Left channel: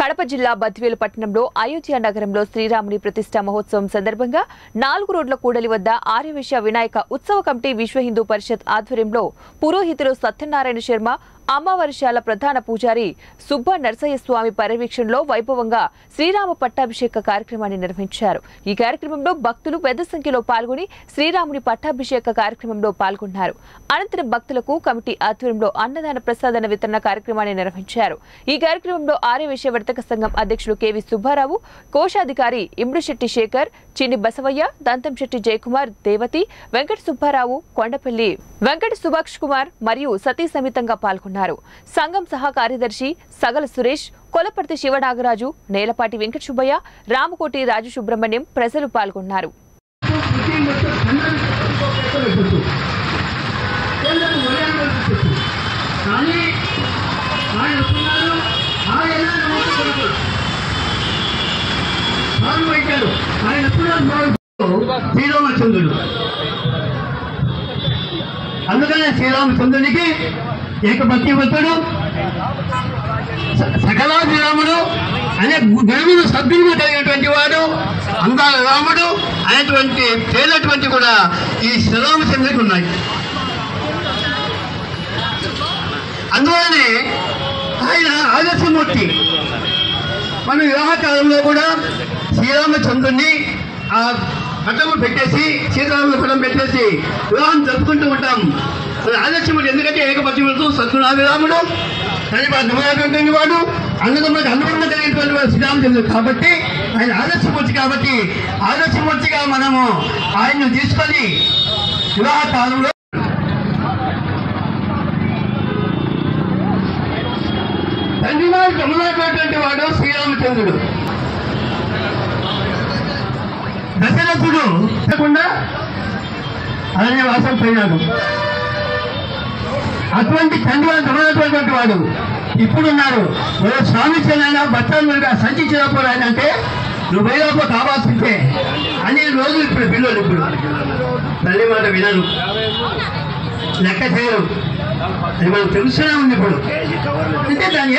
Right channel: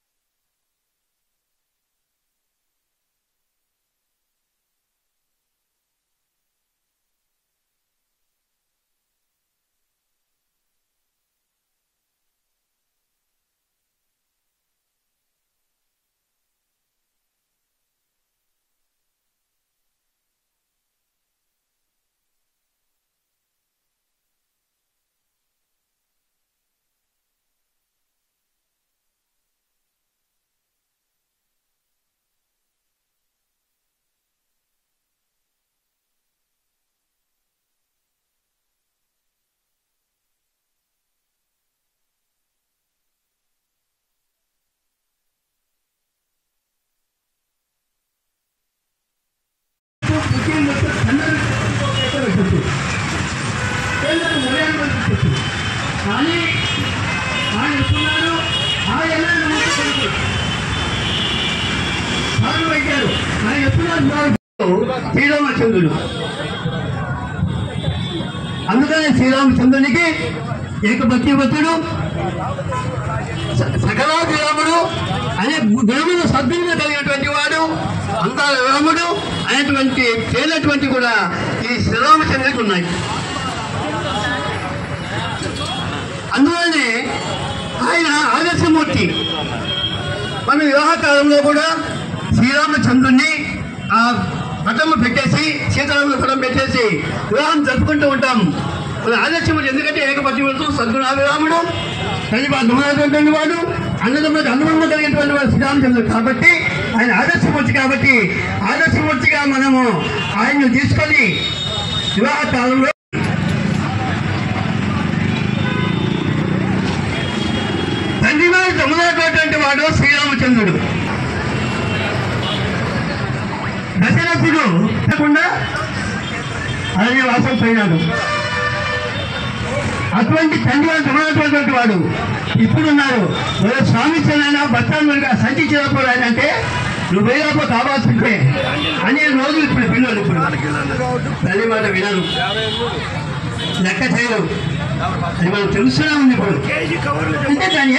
కడప జిల్లా బద్వేలు పట్టణంలో అయోధ్య నగరంలో శ్రీరాముని ప్రతిష్ఠా మహోత్సవం సందర్భంగా 4 రోడ్ల కూడలి వద్ద ఆర్యవేశ్య వినాయక ఉత్సవ కమిటీ విశ్వ హిందూ పరిషత్ ఆధ్వర్యంలో పురోహితులు సత్యనారాయణ శర్మ అమ్మవారిశాల ప్రధాన పూజారి సుబ్బ నరసయ్య స్వామి పర్యవేక్షణలో వైభవంగా శ్రీరామ పట్టాభిషేక కార్యక్రమాన్ని నిర్వహించారు। ఈ కార్యక్రమంలో భక్తులు పెద్ద సంఖ్యలో పాల్గొని శ్రీరాముని పట్టాభిషేక కార్యక్రమంలో పాల్గొన్నారు। అనంతరం భక్తులకు కమిటీ ఆధ్వర్యంలో అన్నదాన ప్రసాదన వితరణ కార్యక్రమాన్ని నిర్వహించారు। ఈ కార్యక్రమంలో ఆర్యవేశ్య వర్తక సంఘం అధ్యక్షులు కెవి సుబ్బారావు, కోశాధికారి ఇమ్రుశెట్టి శేఖర్, చిన్ని బసవయ్య, దంతంశెట్టి జయకుమార్, దేవతి, వెంకట సుబ్బారావు, కొండపల్లి వెంకట సుభాష్ కుమార్ మరియు సతీ సమేతంగా పాల్గొన్నారు। సంఘం సహా కార్యదర్శి సగల సురేష్, కొలపర్తి శివనాగరాజు, నేలపాటి వెంకట సుబ్బయ్య, రామకోటి రాజు సుబ్రహ్మణ్యం ప్రజలు పాల్గొన్నారు। శ్రీరామచంద్రుడు అందుకనే శ్రీరామచంద్రునికి ఏకభక్తిభక్తుడు, సకలాభిరాముడు అనే గుణమును సద్గుణము కలిగినటువంటి వాడు, అందాల రాముడు అనేటువంటి పేర్లటువంటి కూడా ఈ శ్రీరామచంద్రుడికి ఉన్నాయి। అందువల్లనే ఆయన ఆదర్శమూర్తి। మన వివాహ కాలంలో కూడా శ్రీరామచంద్రుడిని ఆ పటం పెట్టేసి, సీతారాముల పటం పెట్టేసి వివాహం జరుపుకుంటూ ఉంటాం। ఆదర్శమూర్తి ఎందుకంటే ఏకపతివ్రతు, సద్గుణాభిరాముడు, కలిపటువంటి వాడు, అన్నదమ్ములకు అనుబంధం కలిగినటువంటి వాడు శ్రీరామచంద్రుడు కాబట్టి ఆయన ఆదర్శమూర్తి। కాబట్టి ఆదర్శమూర్తిగా మనము ఆయన్ను తీసుకొని వివాహ కాలంలో తండ్రివారు తమ్ముడైనటువంటి వాడు శ్రీరామచంద్రుడు। దశరథుడు కాకుండా అరణ్యవాసం పోయినాడు। అటువంటి తండ్రివారు తమ్ముడైనటువంటి వాడు ఇప్పుడున్నారు। స్వామి చెన్నైనా భర్తలుగా సంచినప్పుడు ఆయన అంటే నువ్వు పోయినప్పుడు కావాల్సిందే అనే రోజులు ఇప్పుడు పిల్లలు ఇప్పుడు తల్లి మాట వినరు, లెక్క చేయరు, అది మనకు తెలుస్తూనే ఉంది ఇప్పుడు। అంటే దాని